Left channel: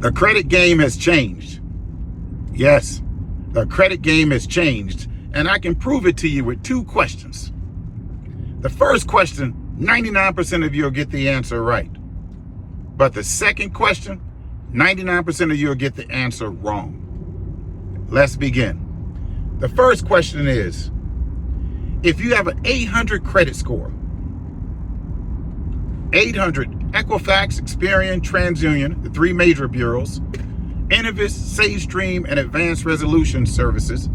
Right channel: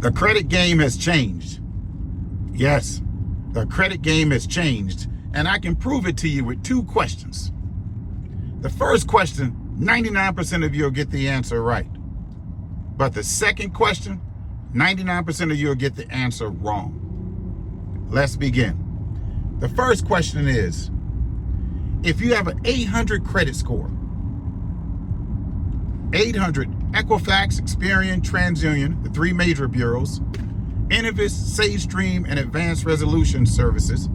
The credit game has changed. Yes, the credit game has changed, and I can prove it to you with two questions. The first question, 99% of you will get the answer right. But the second question, 99% of you will get the answer wrong. Let's begin. The first question is, if you have an 800 credit score, 800 Equifax, Experian, TransUnion, the three major bureaus, Innovis, SageStream, and Advanced Resolution Services,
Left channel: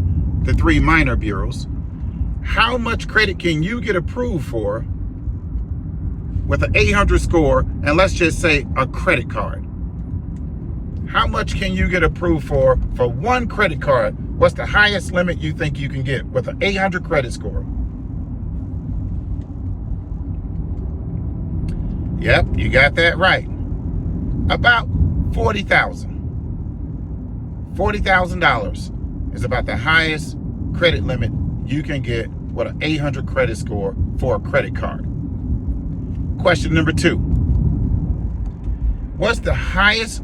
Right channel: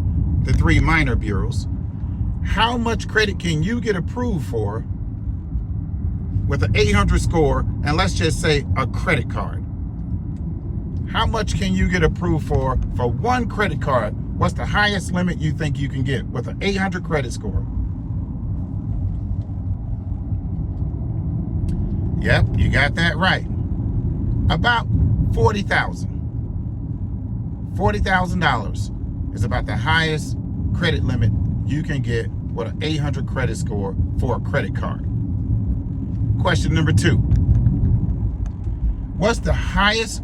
the three minor bureaus, how much credit can you get approved for with an 800 score, and let's just say a credit card? How much can you get approved for one credit card? What's the highest limit you think you can get with an 800 credit score? Yep, you got that right. About $40,000. $40,000 is about the highest credit limit you can get with an 800 credit score for a credit card. Question number 2. What's the highest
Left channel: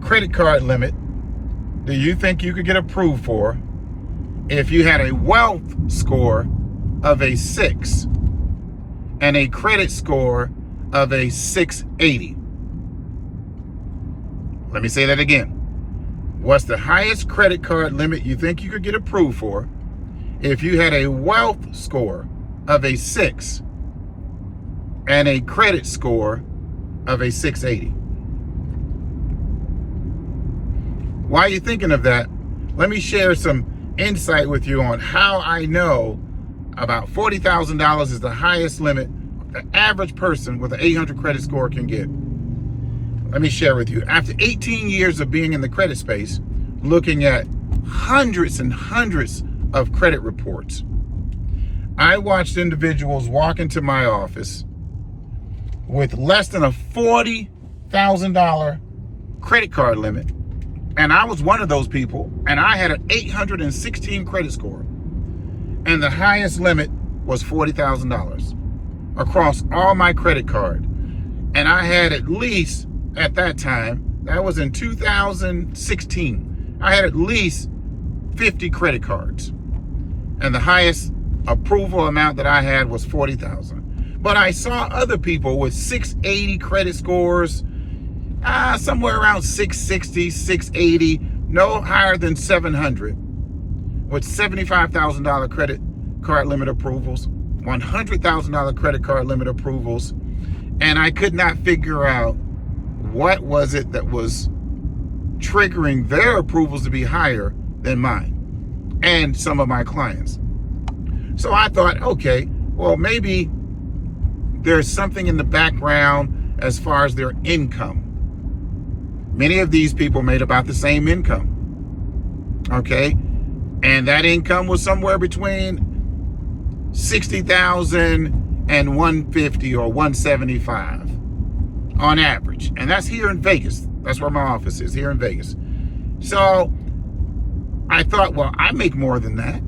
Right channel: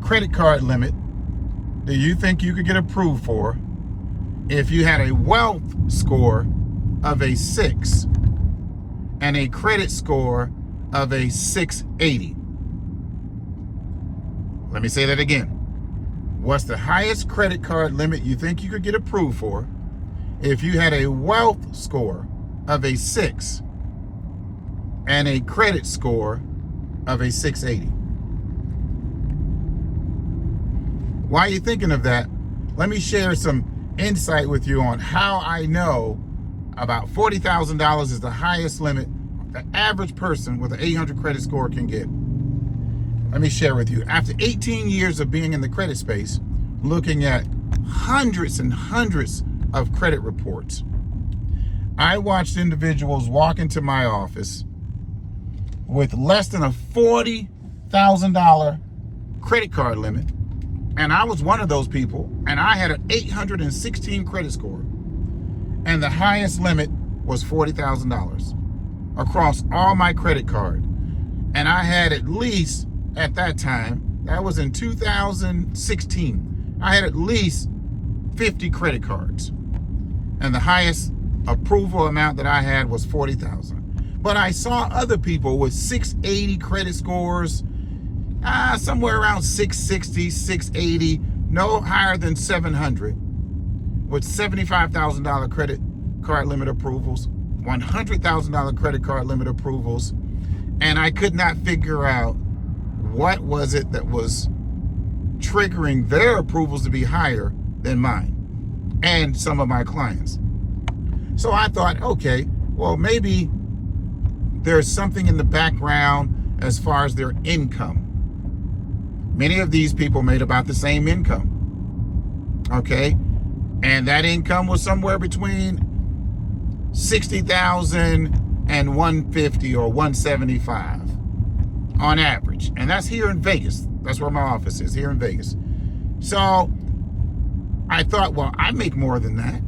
credit card limit do you think you could get approved for if you had a wealth score of a 6 and a credit score of a 680? Let me say that again. What's the highest credit card limit you think you could get approved for if you had a wealth score of a 6 and a credit score of a 680? While you're thinking of that, let me share some insight with you on how I know about $40,000 is the highest limit the average person with an 800 credit score can get. Let me share with you. After 18 years of being in the credit space, looking at hundreds and hundreds of credit reports, I watched individuals walk into my office with less than a $40,000 credit card limit. And I was one of those people, and I had an 816 credit score. And the highest limit was $40,000 across all my credit card. And I had at least, at that time, that was in 2016, I had at least 50 credit cards. And the highest approval amount that I had was $40,000. But I saw other people with 680 credit scores, somewhere around 660, 680, no higher than 700, with $75,000 credit card limit approvals, $100,000 credit card limit approvals, and I could not figure out what was it that was triggering their approvals to be higher than mine and some of my clients. So I thought, okay, well, maybe there's something in the background as far as their income. Many of these people made about the same income, okay? And that income was somewhere between $60,000 and $150 or $175 on average. And that's here in Vegas. That's where my office is, here in Vegas. So I thought, well, I make more than that.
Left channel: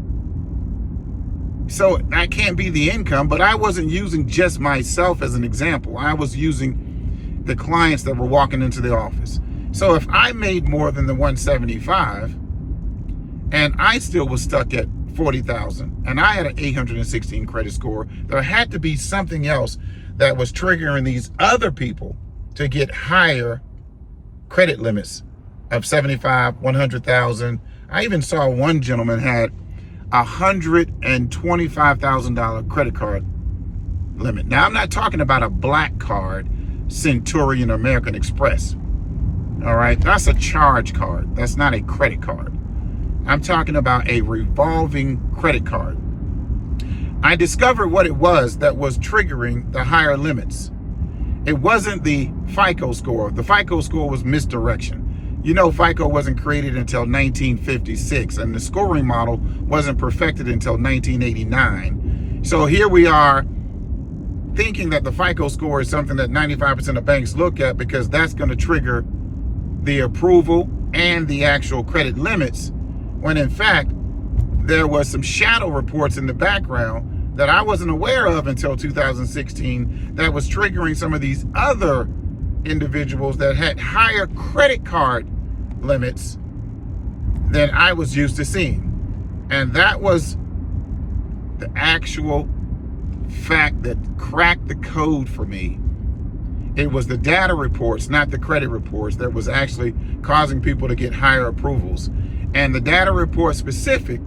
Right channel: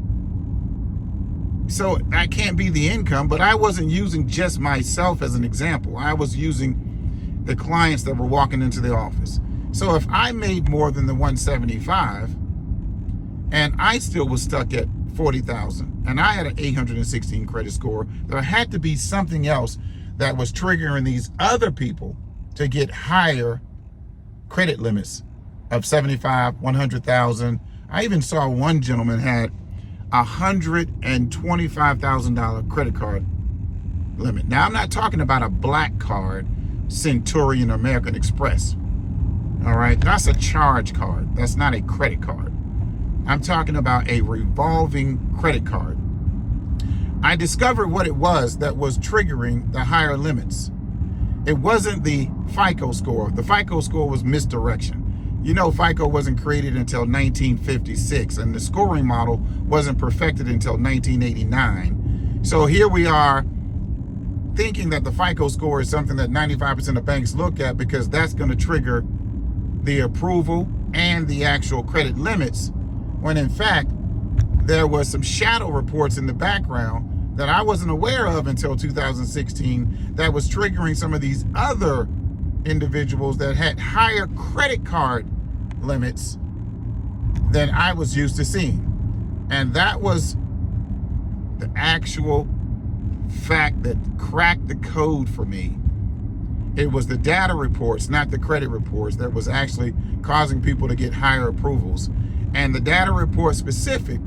So that can't be the income, but I wasn't using just myself as an example. I was using the clients that were walking into the office. So if I made more than the 175 and I still was stuck at 40,000 and I had an 816 credit score, there had to be something else that was triggering these other people to get higher credit limits of 75, 100,000. I even saw one gentleman had $125,000 credit card limit. Now, I'm not talking about a Blackcard, Centurion, or American Express. All right, that's a charge card. That's not a credit card. I'm talking about a revolving credit card. I discovered what it was that was triggering the higher limits. It wasn't the Fico score. The Fico score was misdirection. You know, FICO wasn't created until 1956, and the scoring model wasn't perfected until 1989. So here we are thinking that the FICO score is something that 95% of banks look at because that's going to trigger the approval and the actual credit limits, when in fact, there was some shadow reports in the background that I wasn't aware of until 2016 that was triggering some of these other individuals that had higher credit card limits than I was used to seeing. And that was the actual fact that cracked the code for me. It was the data reports, not the credit reports, that was actually causing people to get higher approvals. And the data report specifically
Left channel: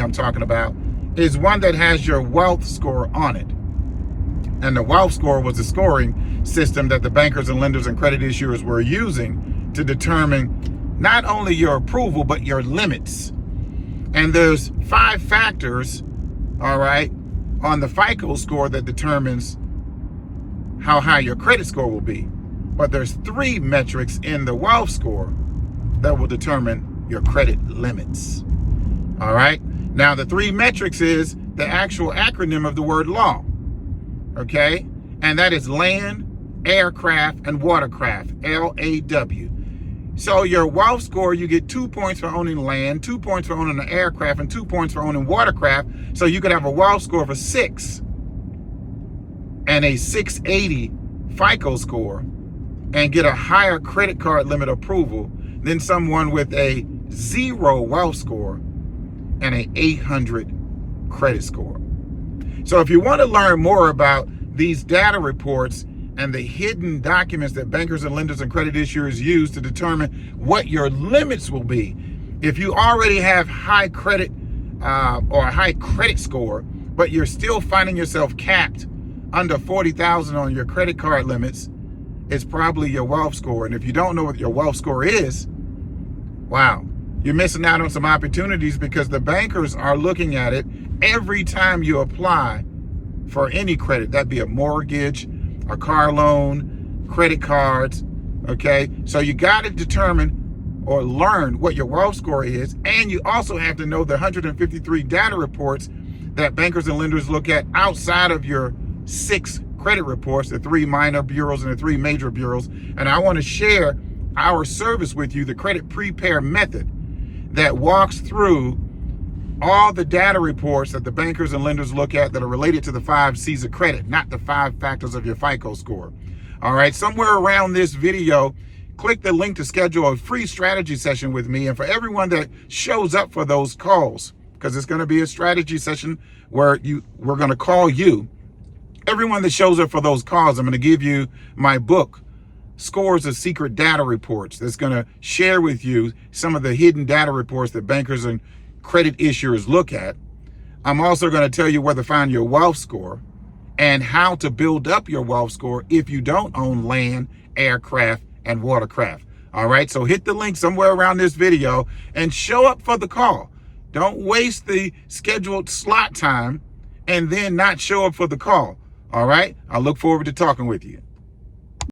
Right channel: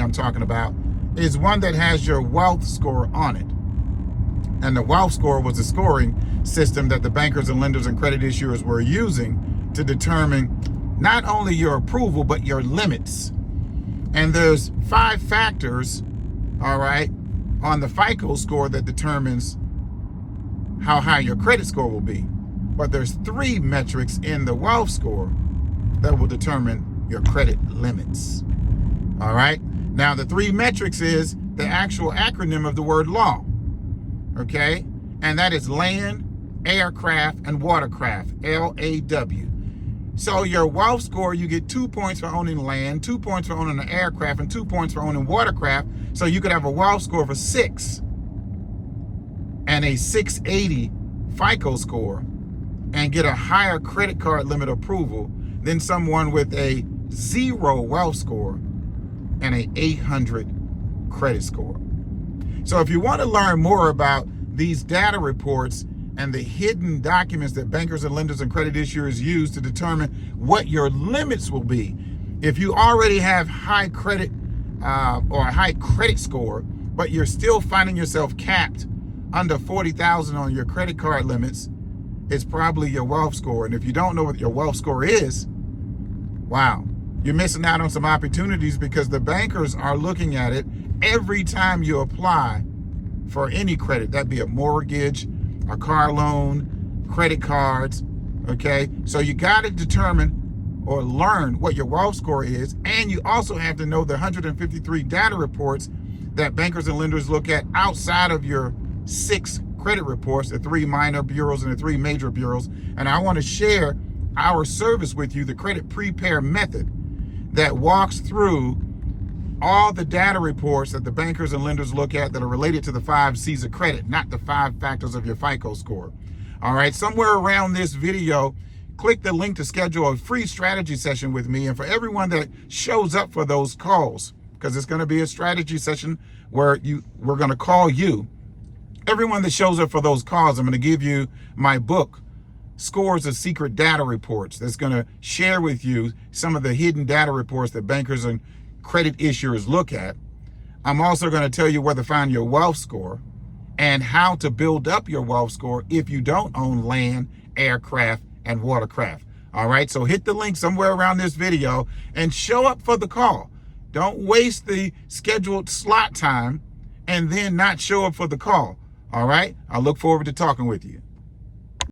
I'm talking about, is one that has your wealth score on it. And the wealth score was the scoring system that the bankers and lenders and credit issuers were using to determine not only your approval, but your limits. And there's 5 factors, all right, on the FICO score that determines how high your credit score will be. But there's 3 metrics in the wealth score that will determine your credit limits. All right. Now, the 3 metrics is the actual acronym of the word law. Okay. And that is land, aircraft, and watercraft, LAW. So your wealth score, you get 2 points for owning land, 2 points for owning an aircraft, and 2 points for owning watercraft. So you could have a wealth score of a 6 and a 680 FICO score and get a higher credit card limit approval than someone with a 0 wealth score and a 800 credit score. So if you want to learn more about these data reports and the hidden documents that bankers and lenders and credit issuers use to determine what your limits will be, if you already have high credit or a high credit score, but you're still finding yourself capped under 40,000 on your credit card limits, it's probably your wealth score. And if you don't know what your wealth score is, wow, you're missing out on some opportunities, because the bankers are looking at it every time you apply for any credit. That'd be a mortgage, a car loan, credit cards, okay? So you got to determine or learn what your wealth score is, and you also have to know the 153 data reports that bankers and lenders look at outside of your 6 credit reports, the 3 minor bureaus and the 3 major bureaus. And I want to share our service with you, the credit prepare method, that walks through all the data reports that the bankers and lenders look at that are related to the 5 C's of credit, not the 5 factors of your FICO score. All right, somewhere around this video, click the link to schedule a free strategy session with me. And for everyone that shows up for those calls, because it's going to be a strategy session where we're going to call you. Everyone that shows up for those calls, I'm going to give you my book, Scores of Secret Data Reports, that's going to share with you some of the hidden data reports that bankers and credit issuers look at. I'm also going to tell you where to find your wealth score and how to build up your wealth score if you don't own land, aircraft, and watercraft. All right, so hit the link somewhere around this video and show up for the call. Don't waste the scheduled slot time and then not show up for the call. All right, I look forward to talking with you.